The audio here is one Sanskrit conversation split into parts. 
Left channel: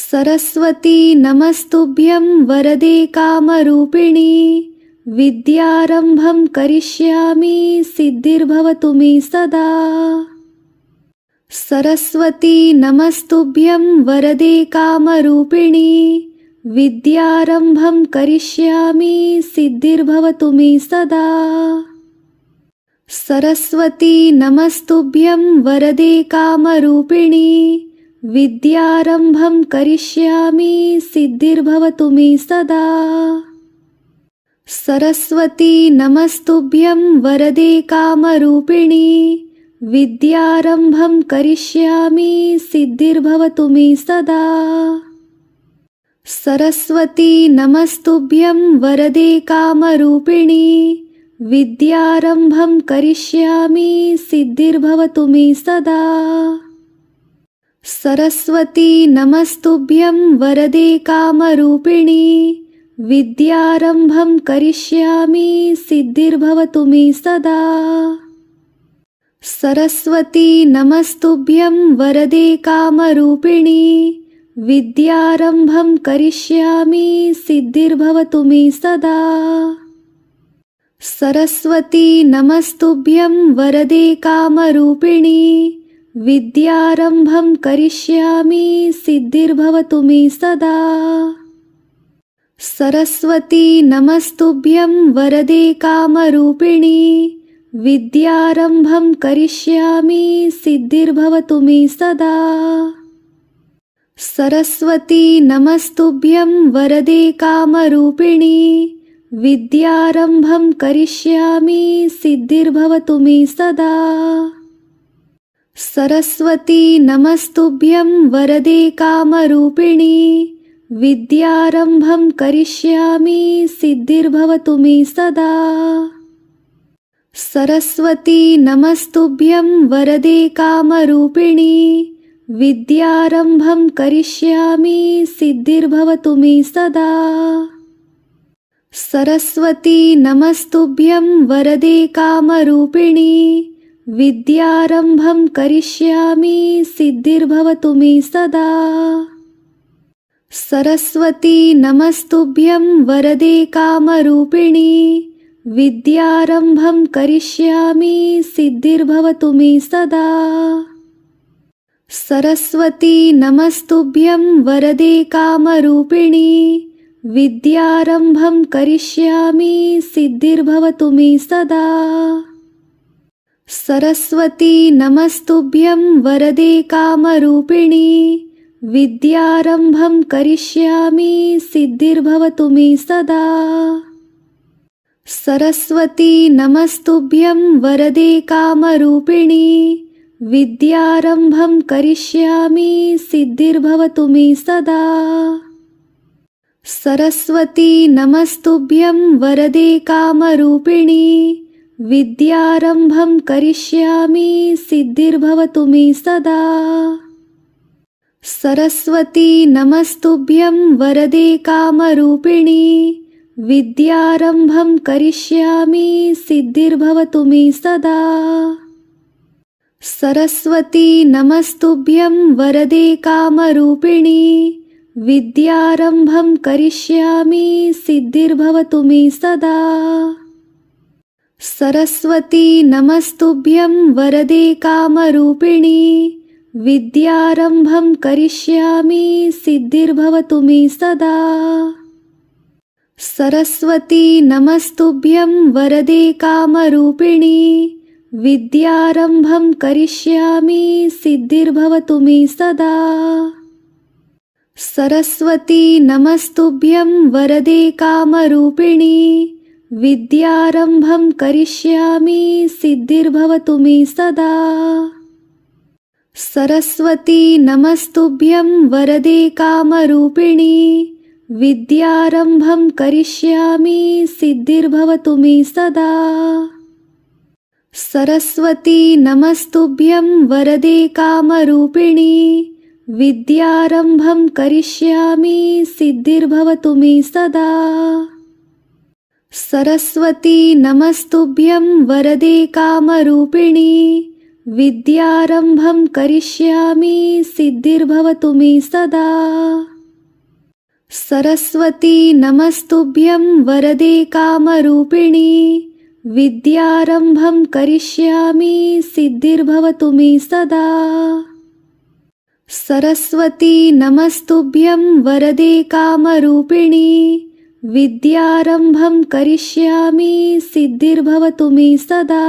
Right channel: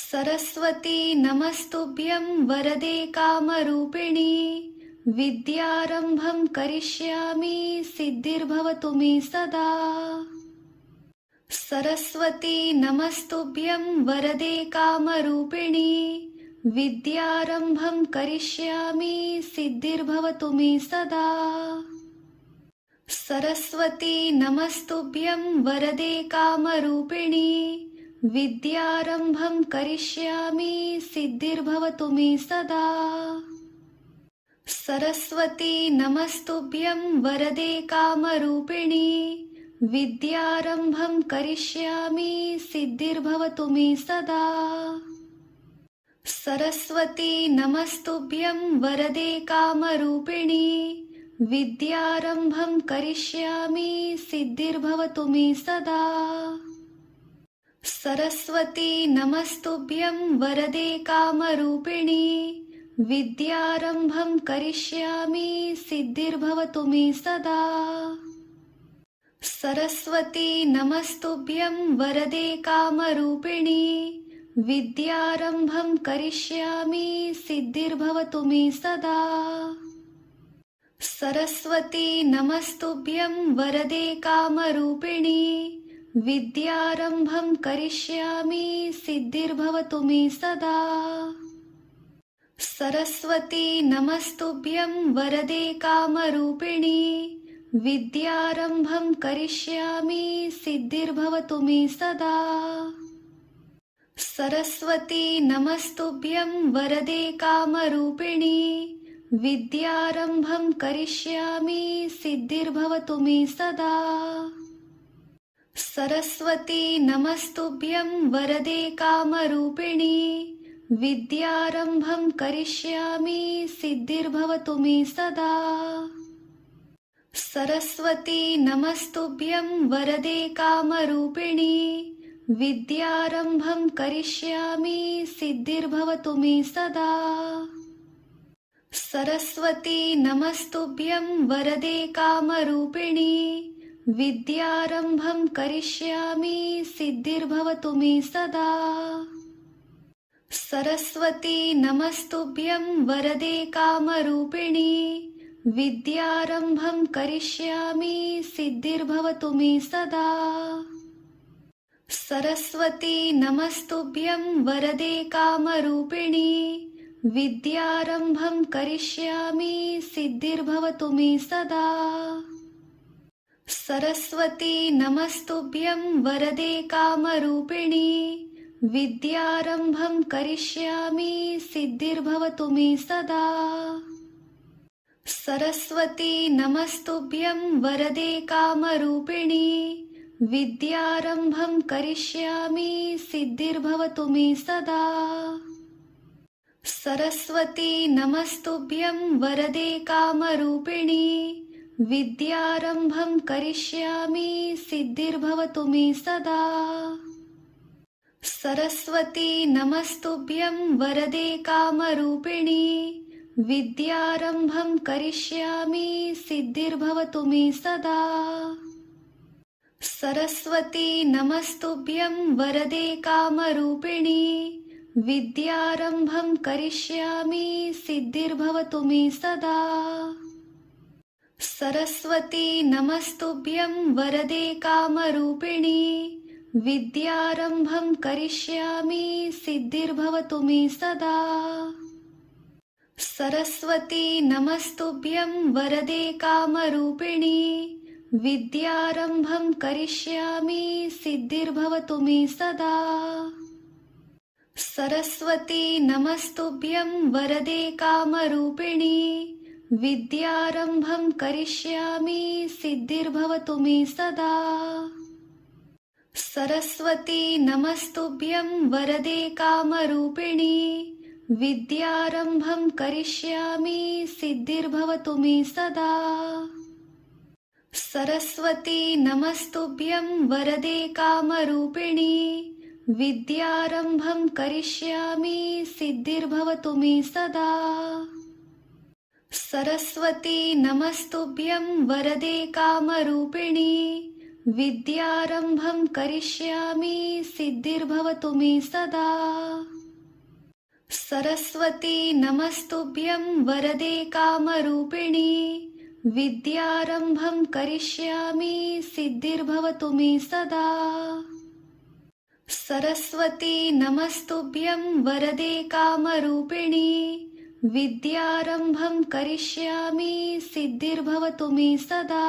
सरस्वती नमस्तुभ्यं वरदे कामरूपिणी विद्यारम्भं करिष्यामि सिद्धिर्भवतु मे सदा। सरस्वती नमस्तुभ्यं वरदे कामरूपिणी विद्यारम्भं करिष्यामि सिद्धिर्भवतु मे सदा। सरस्वती नमस्तुभ्यं वरदे कामरूपिणी विद्यारम्भं करिष्यामि सिद्धिर्भवतु मे सदा। सरस्वती नमस्तुभ्यं वरदे कामरूपिणी विद्यारम्भं करिष्यामि सिद्धिर्भवतु मे सदा। सरस्वती नमस्तुभ्यं वरदे कामरूपिणी विद्यारम्भं करिष्यामि सिद्धिर्भवतु मे सदा। सरस्वती नमस्तुभ्यं वरदे कामरूपिणी विद्यारम्भं करिष्यामि सिद्धिर्भवतु मे सदा। सरस्वती नमस्तुभ्यं वरदे कामरूपिणी विद्यारम्भं करिष्यामि सिद्धिर्भवतु मे सदा। सरस्वती नमस्तुभ्यं वरदे कामरूपिणी विद्यारम्भं करिष्यामि सिद्धिर्भवतु मे सदा। सरस्वती नमस्तुभ्यं वरदे कामरूपिणी विद्यारम्भं करिष्यामि सिद्धिर्भवतु मे सदा। सरस्वती नमस्तुभ्यं वरदे कामरूपिणी विद्यारम्भं करिष्यामि सिद्धिर्भवतु मे सदा। सरस्वती नमस्तुभ्यं वरदे कामरूपिणी विद्यारम्भं करिष्यामि सिद्धिर्भवतु मे सदा। सरस्वती नमस्तुभ्यं वरदे कामरूपिणी विद्यारम्भं करिष्यामि सिद्धिर्भवतु मे सदा। सरस्वती नमस्तुभ्यं वरदे कामरूपिणी विद्यारम्भं करिष्यामि सिद्धिर्भवतु मे सदा। सरस्वती नमस्तुभ्यं वरदे कामरूपिणी विद्यारम्भं करिष्यामि सिद्धिर्भवतु मे सदा। सरस्वती नमस्तुभ्यं वरदे कामरूपिणी विद्यारम्भं करिष्यामि सिद्धिर्भवतु मे सदा। सरस्वती नमस्तुभ्यं वरदे कामरूपिणी विद्यारम्भं करिष्यामि सिद्धिर्भवतु मे सदा। सरस्वती नमस्तुभ्यं वरदे कामरूपिणी विद्यारम्भं करिष्यामि सिद्धिर्भवतु मे सदा। सरस्वती नमस्तुभ्यं वरदे कामरूपिणी विद्यारम्भं करिष्यामि सिद्धिर्भवतु मे सदा। सरस्वती नमस्तुभ्यं वरदे कामरूपिणी विद्यारम्भं करिष्यामि सिद्धिर्भवतु मे सदा। सरस्वती नमस्तुभ्यं वरदे कामरूपिणी विद्यारम्भं करिष्यामि सिद्धिर्भवतु मे सदा। सरस्वती नमस्तुभ्यं वरदे कामरूपिणी विद्यारम्भं करिष्यामि सिद्धिर्भवतु मे सदा। सरस्वती नमस्तुभ्यं वरदे कामरूपिणी विद्यारम्भं करिष्यामि सिद्धिर्भवतु मे सदा। सरस्वती नमस्तुभ्यं वरदे कामरूपिणी विद्यारम्भं करिष्यामि सिद्धिर्भवतु मे सदा। सरस्वती नमस्तुभ्यं वरदे कामरूपिणी विद्यारम्भं करिष्यामि सिद्धिर्भवतु मे सदा। सरस्वती नमस्तुभ्यं वरदे कामरूपिणी विद्यारम्भं करिष्यामि सिद्धिर्भवतु मे सदा। सरस्वती नमस्तुभ्यं वरदे कामरूपिणी विद्यारम्भं करिष्यामि सिद्धिर्भवतु मे सदा। सरस्वती नमस्तुभ्यं वरदे कामरूपिणी विद्यारम्भं करिष्यामि सिद्धिर्भवतु मे सदा। सरस्वती नमस्तुभ्यं वरदे कामरूपिणी विद्यारम्भं करिष्यामि सिद्धिर्भवतु मे सदा।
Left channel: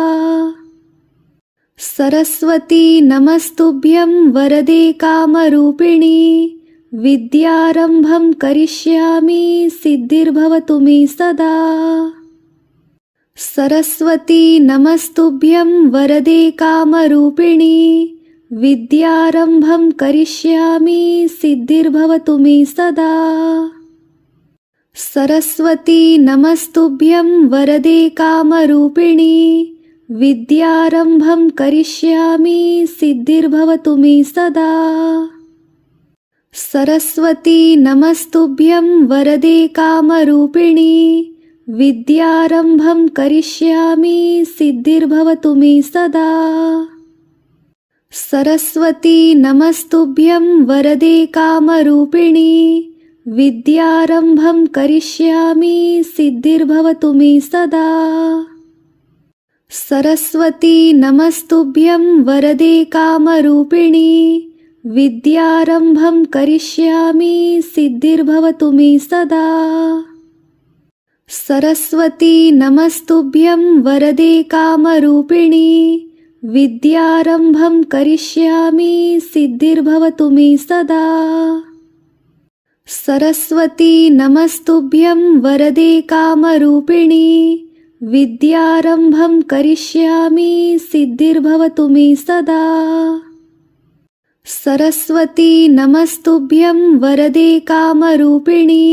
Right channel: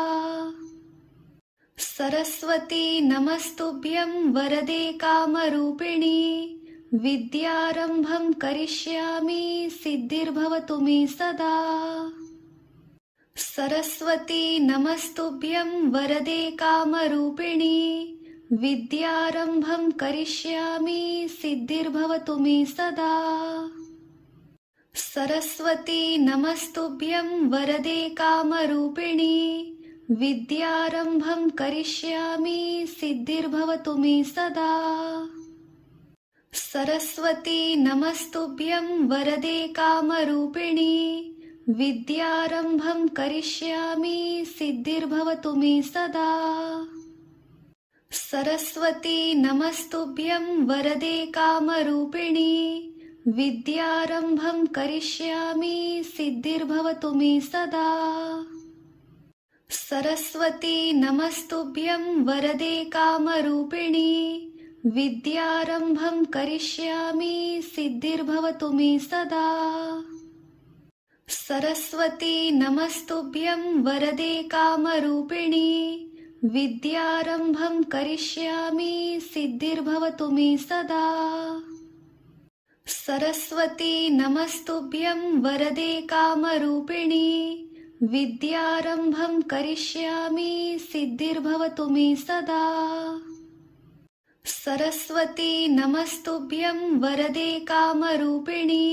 सरस्वती नमस्तुभ्यं वरदे कामरूपिणी विद्यारम्भं करिष्यामि सिद्धिर्भवतु मे सदा। सरस्वती नमस्तुभ्यं वरदे कामरूपिणी विद्यारम्भं करिष्यामि सिद्धिर्भवतु मे सदा। सरस्वती नमस्तुभ्यं वरदे कामरूपिणी विद्यारम्भं करिष्यामि सिद्धिर्भवतु मे सदा। सरस्वती नमस्तुभ्यं वरदे कामरूपिणी विद्यारम्भं करिष्यामि सिद्धिर्भवतु मे सदा। सरस्वती नमस्तुभ्यं वरदे कामरूपिणी विद्यारम्भं करिष्यामि सिद्धिर्भवतु मे सदा। सरस्वती नमस्तुभ्यं वरदे कामरूपिणी विद्यारम्भं करिष्यामि सिद्धिर्भवतु मे सदा। सरस्वती नमस्तुभ्यं वरदे कामरूपिणी विद्यारम्भं करिष्यामि सिद्धिर्भवतु मे सदा। सरस्वती नमस्तुभ्यं वरदे कामरूपिणी विद्यारम्भं करिष्यामि सिद्धिर्भवतु मे सदा। सरस्वती नमस्तुभ्यं वरदे कामरूपिणी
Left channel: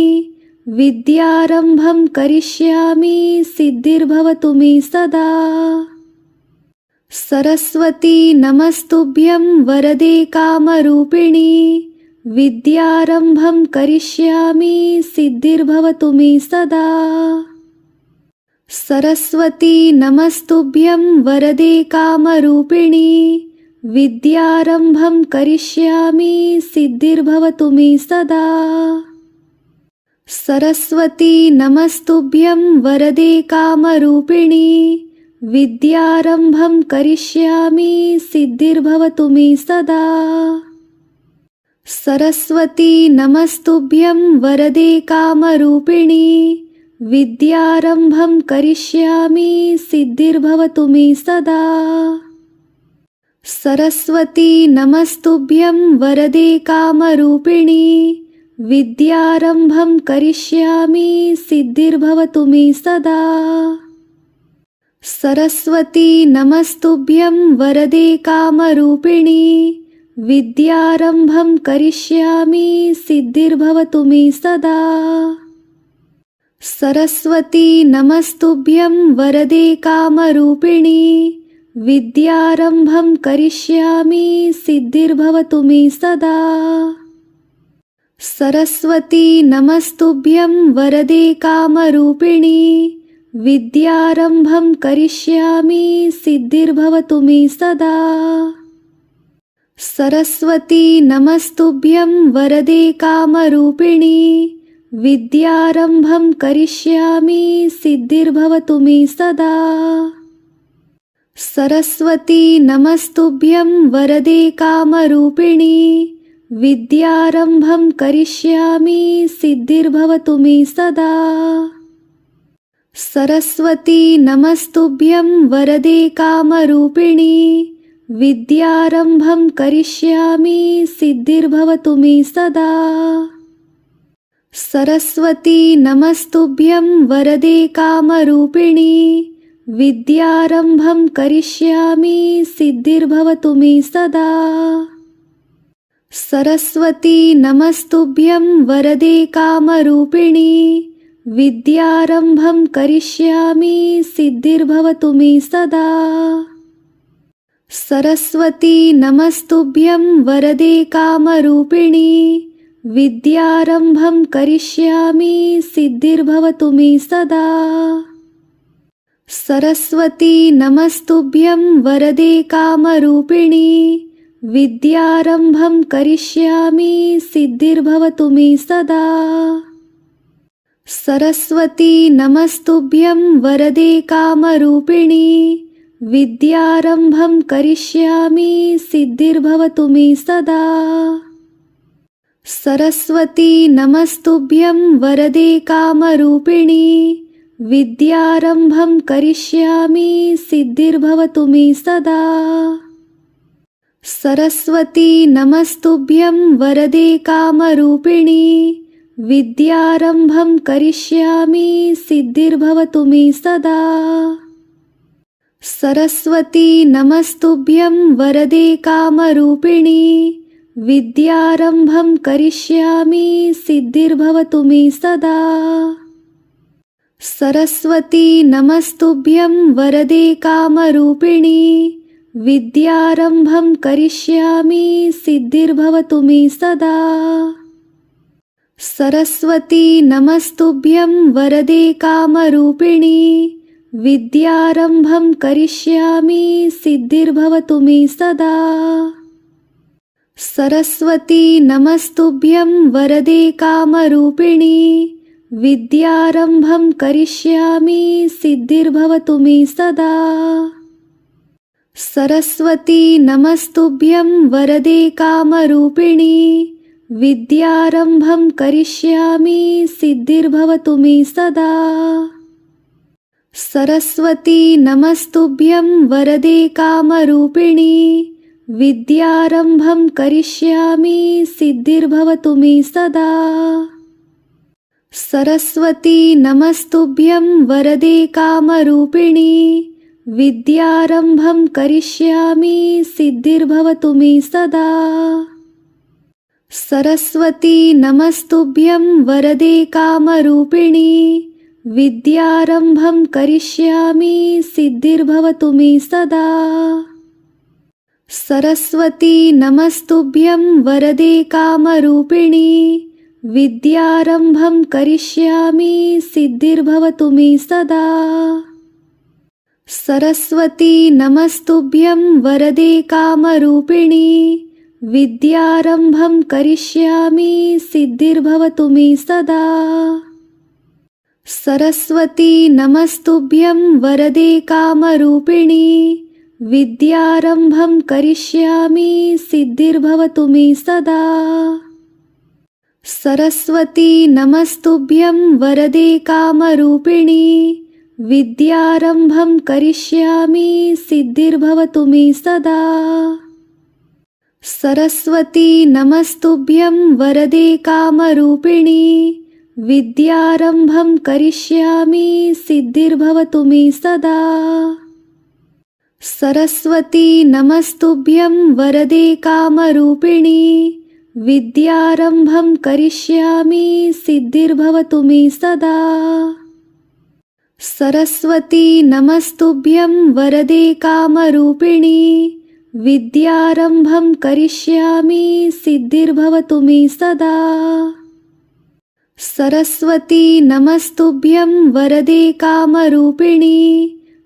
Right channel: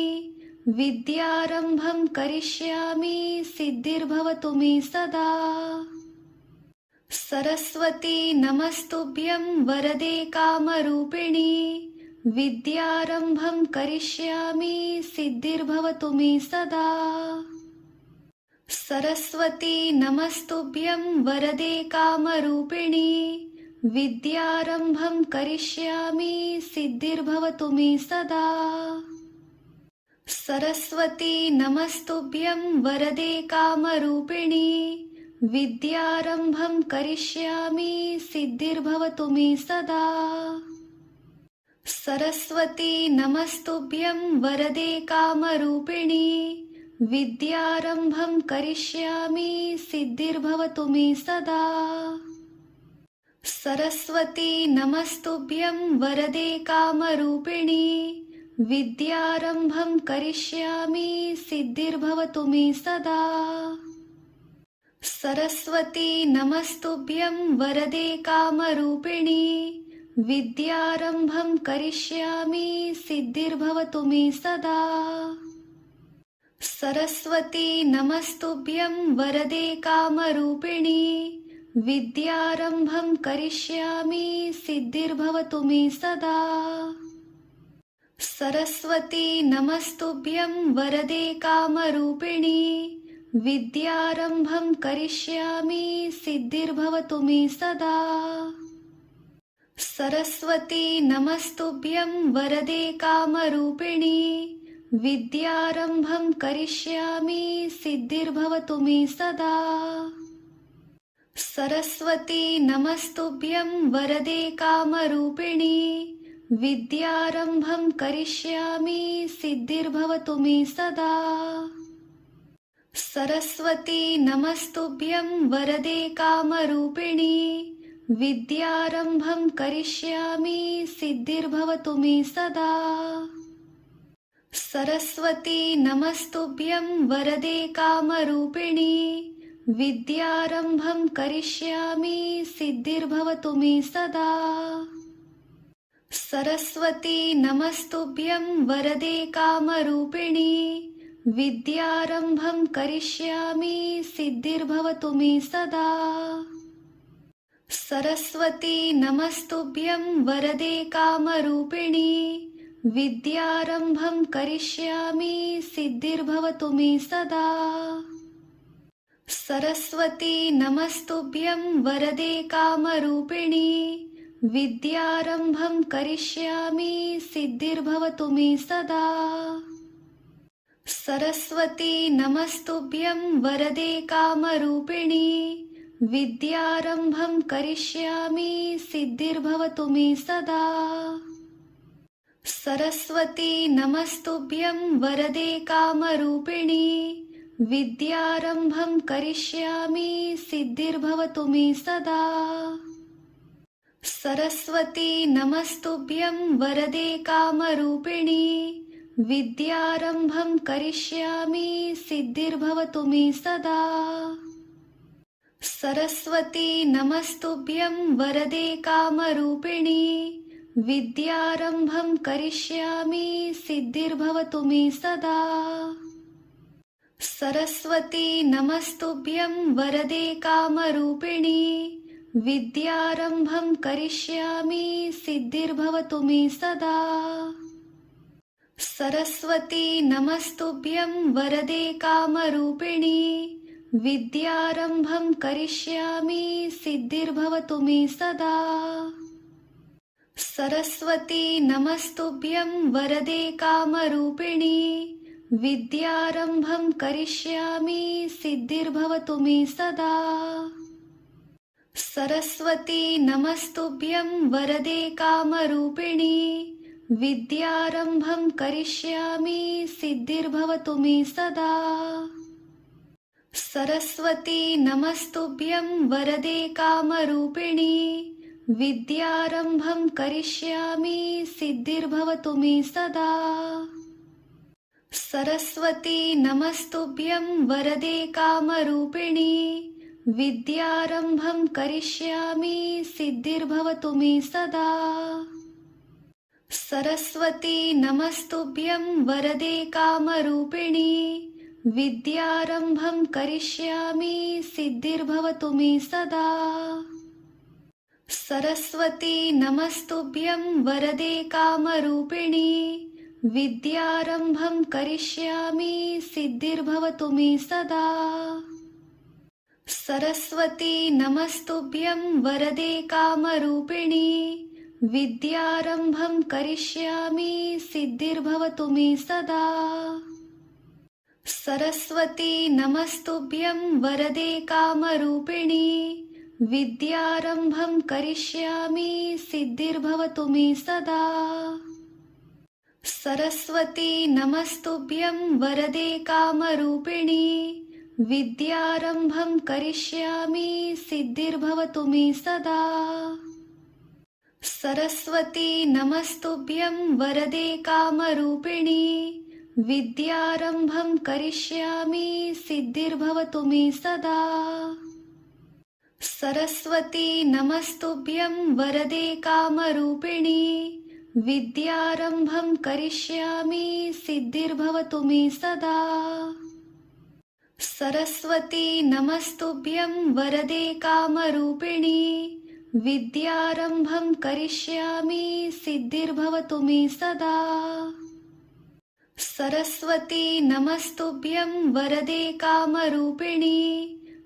विद्यारम्भं करिष्यामि सिद्धिर्भवतु मे सदा। सरस्वती नमस्तुभ्यं वरदे कामरूपिणी विद्यारम्भं करिष्यामि सिद्धिर्भवतु मे सदा। सरस्वती नमस्तुभ्यं वरदे कामरूपिणी विद्यारम्भं करिष्यामि सिद्धिर्भवतु मे सदा। सरस्वती नमस्तुभ्यं वरदे कामरूपिणी विद्यारम्भं करिष्यामि सिद्धिर्भवतु मे सदा। सरस्वती नमस्तुभ्यं वरदे कामरूपिणी विद्यारम्भं करिष्यामि सिद्धिर्भवतु मे सदा। सरस्वती नमस्तुभ्यं वरदे कामरूपिणी विद्यारम्भं करिष्यामि सिद्धिर्भवतु मे सदा। सरस्वती नमस्तुभ्यं वरदे कामरूपिणी विद्यारम्भं करिष्यामि सिद्धिर्भवतु मे सदा। सरस्वती नमस्तुभ्यं वरदे कामरूपिणी विद्यारम्भं करिष्यामि सिद्धिर्भवतु मे सदा। सरस्वती नमस्तुभ्यं वरदे कामरूपिणी विद्यारम्भं करिष्यामि सिद्धिर्भवतु मे सदा। सरस्वती नमस्तुभ्यं वरदे कामरूपिणी विद्यारम्भं करिष्यामि सिद्धिर्भवतु मे सदा। सरस्वती नमस्तुभ्यं वरदे कामरूपिणी विद्यारम्भं करिष्यामि सिद्धिर्भवतु मे सदा। सरस्वती नमस्तुभ्यं वरदे कामरूपिणी विद्यारम्भं करिष्यामि सिद्धिर्भवतु मे सदा। सरस्वती नमस्तुभ्यं वरदे कामरूपिणी विद्यारम्भं करिष्यामि सिद्धिर्भवतु मे सदा। सरस्वती नमस्तुभ्यं वरदे कामरूपिणी विद्यारम्भं करिष्यामि सिद्धिर्भवतु मे सदा। सरस्वती नमस्तुभ्यं वरदे कामरूपिणी विद्यारम्भं करिष्यामि सिद्धिर्भवतु मे सदा। सरस्वती नमस्तुभ्यं वरदे कामरूपिणी विद्यारम्भं करिष्यामि सिद्धिर्भवतु मे सदा। सरस्वती नमस्तुभ्यं वरदे कामरूपिणी विद्यारम्भं करिष्यामि सिद्धिर्भवतु मे सदा। सरस्वती नमस्तुभ्यं वरदे कामरूपिणी विद्यारम्भं करिष्यामि सिद्धिर्भवतु मे सदा। सरस्वती नमस्तुभ्यं वरदे कामरूपिणी विद्यारम्भं करिष्यामि सिद्धिर्भवतु मे सदा। सरस्वती नमस्तुभ्यं वरदे कामरूपिणी विद्यारम्भं करिष्यामि सिद्धिर्भवतु मे सदा। सरस्वती नमस्तुभ्यं वरदे कामरूपिणी विद्यारम्भं करिष्यामि सिद्धिर्भवतु मे सदा। सरस्वती नमस्तुभ्यं वरदे कामरूपिणी विद्यारम्भं करिष्यामि सिद्धिर्भवतु मे सदा। सरस्वती नमस्तुभ्यं वरदे कामरूपिणी विद्यारम्भं करिष्यामि सिद्धिर्भवतु मे सदा। सरस्वती नमस्तुभ्यं वरदे कामरूपिणी विद्यारम्भं करिष्यामि सिद्धिर्भवतु मे सदा। सरस्वती नमस्तुभ्यं वरदे कामरूपिणी विद्यारम्भं करिष्यामि सिद्धिर्भवतु मे सदा। सरस्वती नमस्तुभ्यं वरदे कामरूपिणी विद्यारम्भं करिष्यामि सिद्धिर्भवतु मे सदा। सरस्वती नमस्तुभ्यं वरदे कामरूपिणी विद्यारम्भं करिष्यामि सिद्धिर्भवतु मे सदा। सरस्वती नमस्तुभ्यं वरदे कामरूपिणी विद्यारम्भं करिष्यामि सिद्धिर्भवतु मे सदा। सरस्वती नमस्तुभ्यं वरदे कामरूपिणी विद्यारम्भं करिष्यामि सिद्धिर्भवतु मे सदा। सरस्वती नमस्तुभ्यं वरदे कामरूपिणी विद्यारम्भं करिष्यामि सिद्धिर्भवतु मे सदा। सरस्वती नमस्तुभ्यं वरदे कामरूपिणी विद्यारम्भं करिष्यामि सिद्धिर्भवतु मे सदा। सरस्वती नमस्तुभ्यं वरदे कामरूपिणी विद्यारम्भं करिष्यामि सिद्धिर्भवतु मे सदा। सरस्वती नमस्तुभ्यं वरदे कामरूपिणी विद्यारम्भं करिष्यामि सिद्धिर्भवतु मे सदा। सरस्वती नमस्तुभ्यं वरदे कामरूपिणी विद्यारम्भं करिष्यामि सिद्धिर्भवतु मे सदा। सरस्वती नमस्तुभ्यं वरदे कामरूपिणी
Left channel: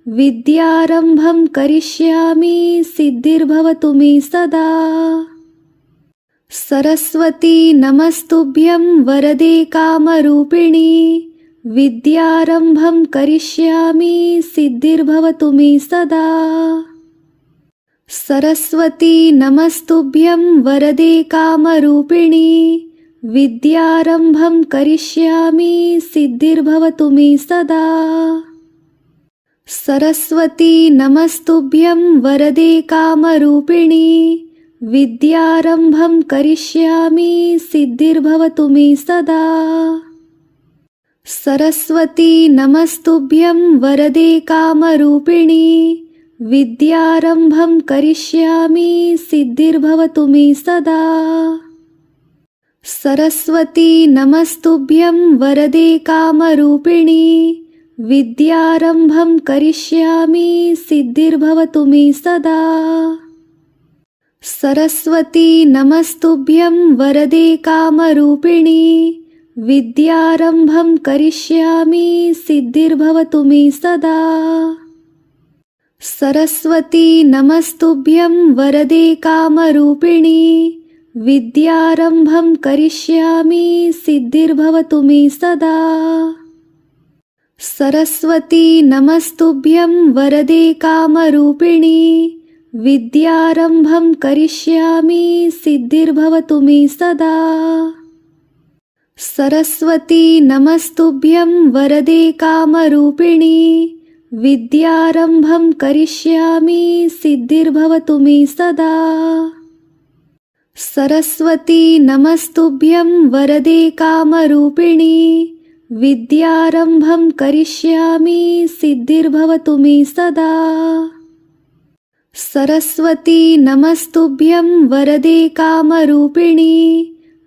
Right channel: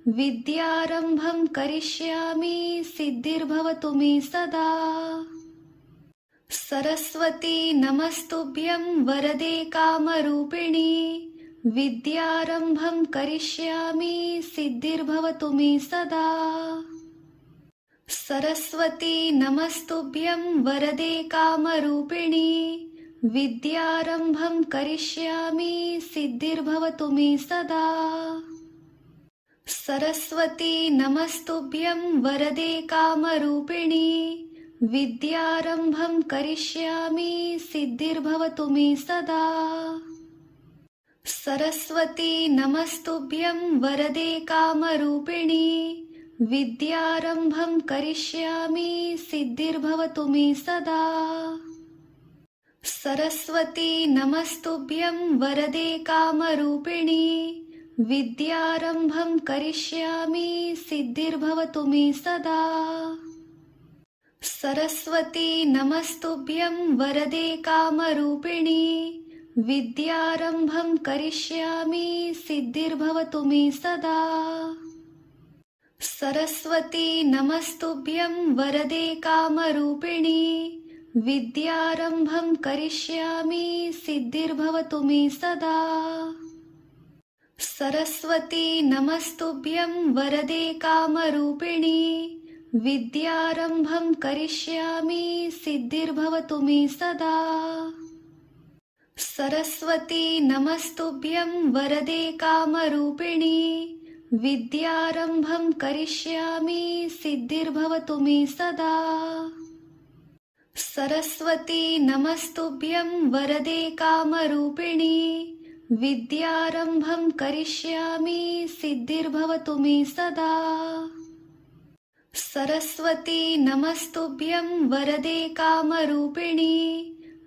विद्यारम्भं करिष्यामि सिद्धिर्भवतु मे सदा। सरस्वती नमस्तुभ्यं वरदे कामरूपिणी विद्यारम्भं करिष्यामि सिद्धिर्भवतु मे सदा। सरस्वती नमस्तुभ्यं वरदे कामरूपिणी विद्यारम्भं करिष्यामि सिद्धिर्भवतु मे सदा। सरस्वती नमस्तुभ्यं वरदे कामरूपिणी विद्यारम्भं करिष्यामि सिद्धिर्भवतु मे सदा। सरस्वती नमस्तुभ्यं वरदे कामरूपिणी विद्यारम्भं करिष्यामि सिद्धिर्भवतु मे सदा। सरस्वती नमस्तुभ्यं वरदे कामरूपिणी विद्यारम्भं करिष्यामि सिद्धिर्भवतु मे सदा। सरस्वती नमस्तुभ्यं वरदे कामरूपिणी विद्यारम्भं करिष्यामि सिद्धिर्भवतु मे सदा। सरस्वती नमस्तुभ्यं वरदे कामरूपिणी विद्यारम्भं करिष्यामि सिद्धिर्भवतु मे सदा। सरस्वती नमस्तुभ्यं वरदे कामरूपिणी विद्यारम्भं करिष्यामि सिद्धिर्भवतु मे सदा। सरस्वती नमस्तुभ्यं वरदे कामरूपिणी विद्यारम्भं करिष्यामि सिद्धिर्भवतु मे सदा। सरस्वती नमस्तुभ्यं वरदे कामरूपिणी विद्यारम्भं करिष्यामि सिद्धिर्भवतु मे सदा। सरस्वती नमस्तुभ्यं वरदे कामरूपिणी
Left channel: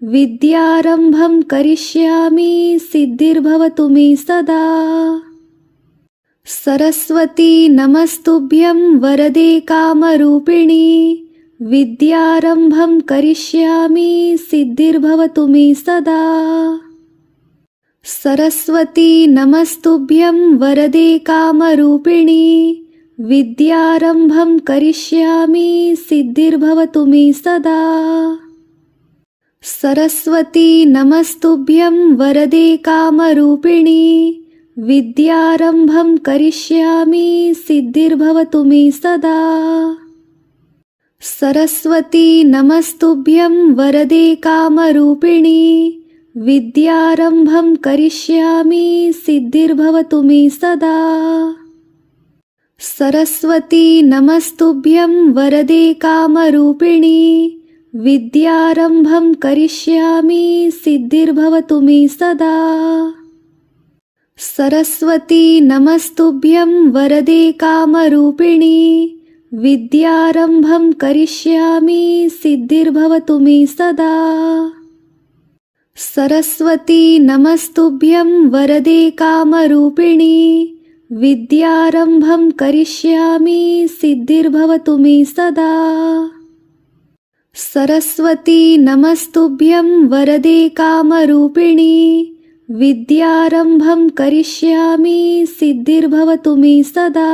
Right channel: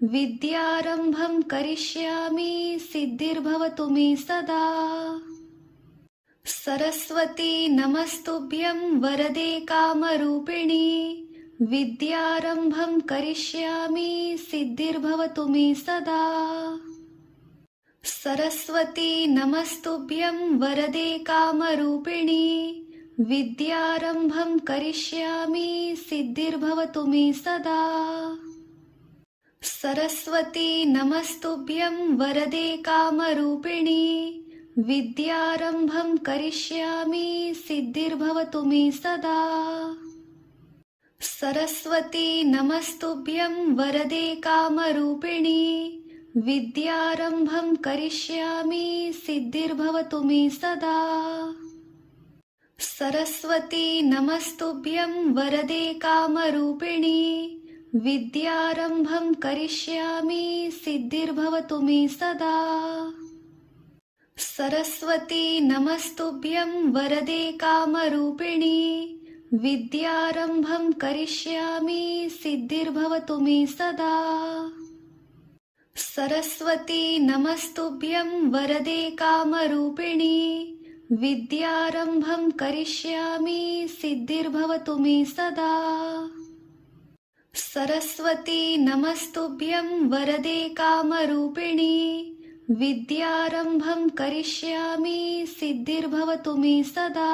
विद्यारम्भं करिष्यामि सिद्धिर्भवतु मे सदा। सरस्वती नमस्तुभ्यं वरदे कामरूपिणी विद्यारम्भं करिष्यामि सिद्धिर्भवतु मे सदा। सरस्वती नमस्तुभ्यं वरदे कामरूपिणी विद्यारम्भं करिष्यामि सिद्धिर्भवतु मे सदा। सरस्वती नमस्तुभ्यं वरदे कामरूपिणी विद्यारम्भं करिष्यामि सिद्धिर्भवतु मे सदा। सरस्वती नमस्तुभ्यं वरदे कामरूपिणी विद्यारम्भं करिष्यामि सिद्धिर्भवतु मे सदा। सरस्वती नमस्तुभ्यं वरदे कामरूपिणी विद्यारम्भं करिष्यामि सिद्धिर्भवतु मे सदा। सरस्वती नमस्तुभ्यं वरदे कामरूपिणी विद्यारम्भं करिष्यामि सिद्धिर्भवतु मे सदा। सरस्वती नमस्तुभ्यं वरदे कामरूपिणी विद्यारम्भं करिष्यामि सिद्धिर्भवतु मे सदा। सरस्वती नमस्तुभ्यं वरदे कामरूपिणी विद्यारम्भं करिष्यामि सिद्धिर्भवतु मे सदा।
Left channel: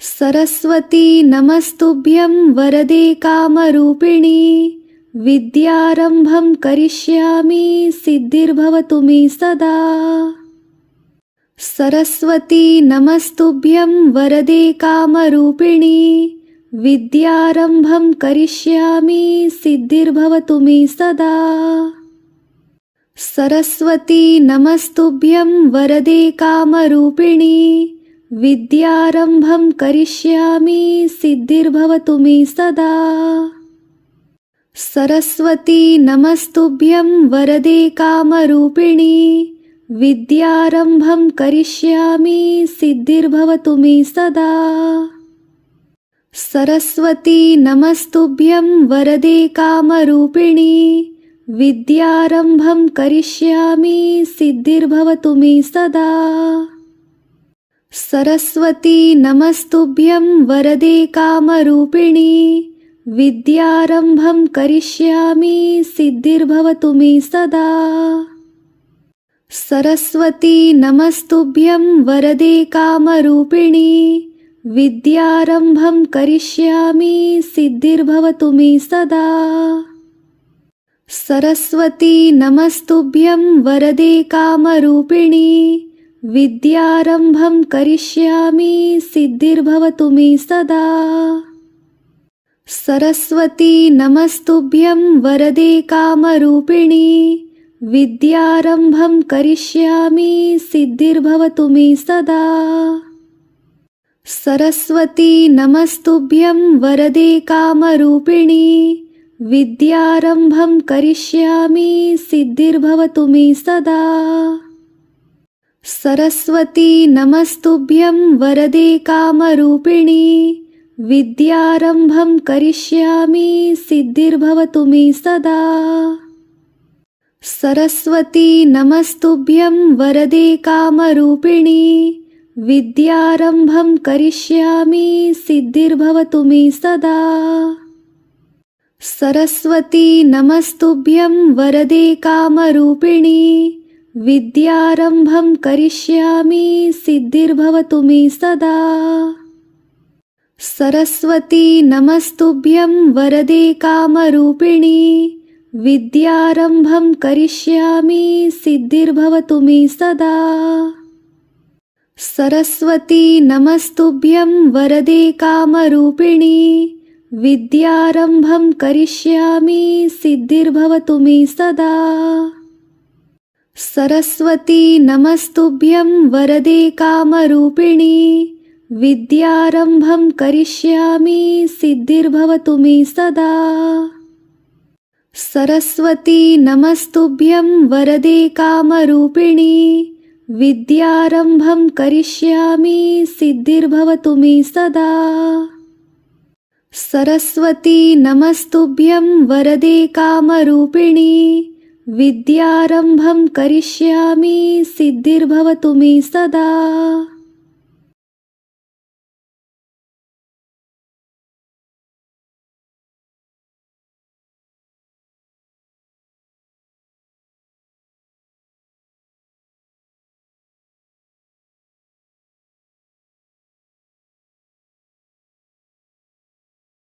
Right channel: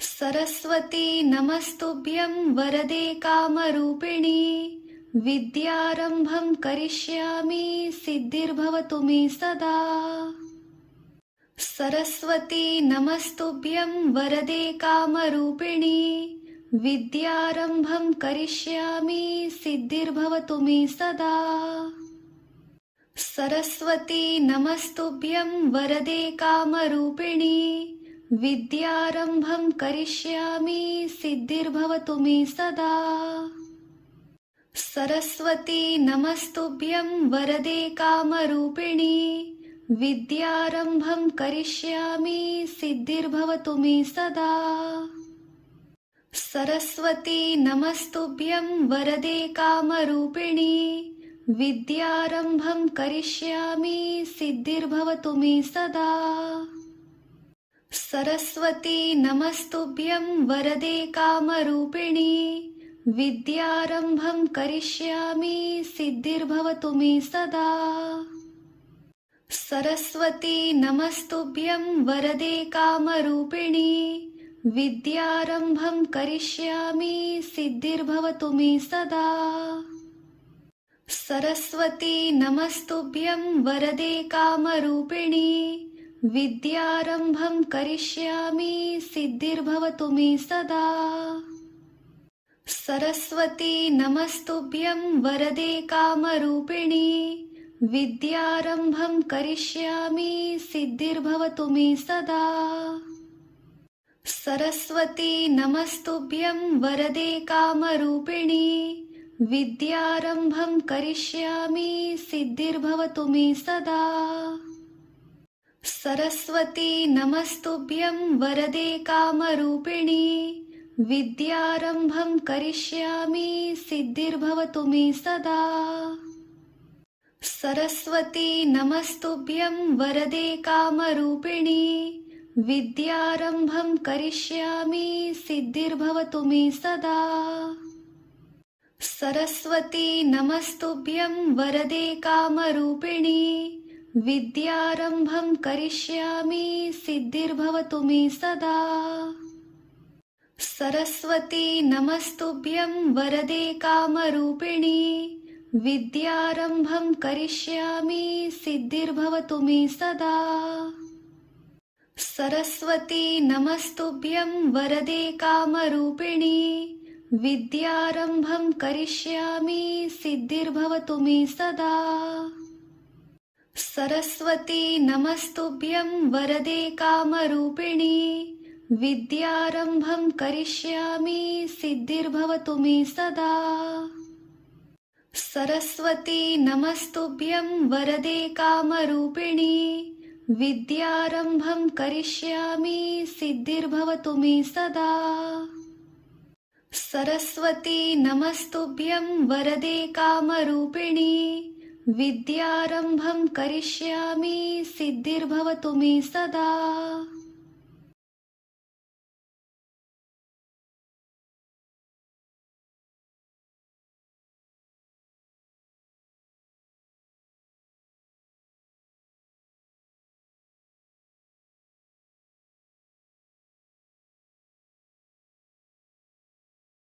सरस्वती नमस्तुभ्यं वरदे कामरूपिणी विद्यारम्भं करिष्यामि सिद्धिर्भवतु मे सदा। सरस्वती नमस्तुभ्यं वरदे कामरूपिणी विद्यारम्भं करिष्यामि सिद्धिर्भवतु मे सदा। सरस्वती नमस्तुभ्यं वरदे कामरूपिणी विद्यारम्भं करिष्यामि सिद्धिर्भवतु मे सदा। सरस्वती नमस्तुभ्यं वरदे कामरूपिणी विद्यारम्भं करिष्यामि सिद्धिर्भवतु मे सदा। सरस्वती नमस्तुभ्यं वरदे कामरूपिणी विद्यारम्भं करिष्यामि सिद्धिर्भवतु मे सदा। सरस्वती नमस्तुभ्यं वरदे कामरूपिणी विद्यारम्भं करिष्यामि सिद्धिर्भवतु मे सदा। सरस्वती नमस्तुभ्यं वरदे कामरूपिणी विद्यारम्भं करिष्यामि सिद्धिर्भवतु मे सदा। सरस्वती नमस्तुभ्यं वरदे कामरूपिणी विद्यारम्भं करिष्यामि सिद्धिर्भवतु मे सदा। सरस्वती नमस्तुभ्यं वरदे कामरूपिणी विद्यारम्भं करिष्यामि सिद्धिर्भवतु मे सदा। सरस्वती नमस्तुभ्यं वरदे कामरूपिणी विद्यारम्भं करिष्यामि सिद्धिर्भवतु मे सदा। सरस्वती नमस्तुभ्यं वरदे कामरूपिणी विद्यारम्भं करिष्यामि सिद्धिर्भवतु मे सदा। सरस्वती नमस्तुभ्यं वरदे कामरूपिणी विद्यारम्भं करिष्यामि सिद्धिर्भवतु मे सदा। सरस्वती नमस्तुभ्यं वरदे कामरूपिणी विद्यारम्भं करिष्यामि सिद्धिर्भवतु मे सदा। सरस्वती नमस्तुभ्यं वरदे कामरूपिणी विद्यारम्भं करिष्यामि सिद्धिर्भवतु मे सदा। सरस्वती नमस्तुभ्यं वरदे कामरूपिणी विद्यारम्भं करिष्यामि सिद्धिर्भवतु मे सदा। सरस्वती नमस्तुभ्यं वरदे कामरूपिणी विद्यारम्भं करिष्यामि सिद्धिर्भवतु मे सदा। सरस्वती नमस्तुभ्यं वरदे कामरूपिणी विद्यारम्भं करिष्यामि सिद्धिर्भवतु मे सदा। सरस्वती नमस्तुभ्यं वरदे कामरूपिणी विद्यारम्भं करिष्यामि सिद्धिर्भवतु मे सदा। सरस्वती नमस्तुभ्यं वरदे कामरूपिणी विद्यारम्भं करिष्यामि सिद्धिर्भवतु मे सदा। सरस्वती नमस्तुभ्यं वरदे कामरूपिणी विद्यारम्भं करिष्यामि सिद्धिर्भवतु मे सदा। सरस्वती नमस्तुभ्यं वरदे कामरूपिणी विद्यारम्भं करिष्यामि सिद्धिर्भवतु मे सदा।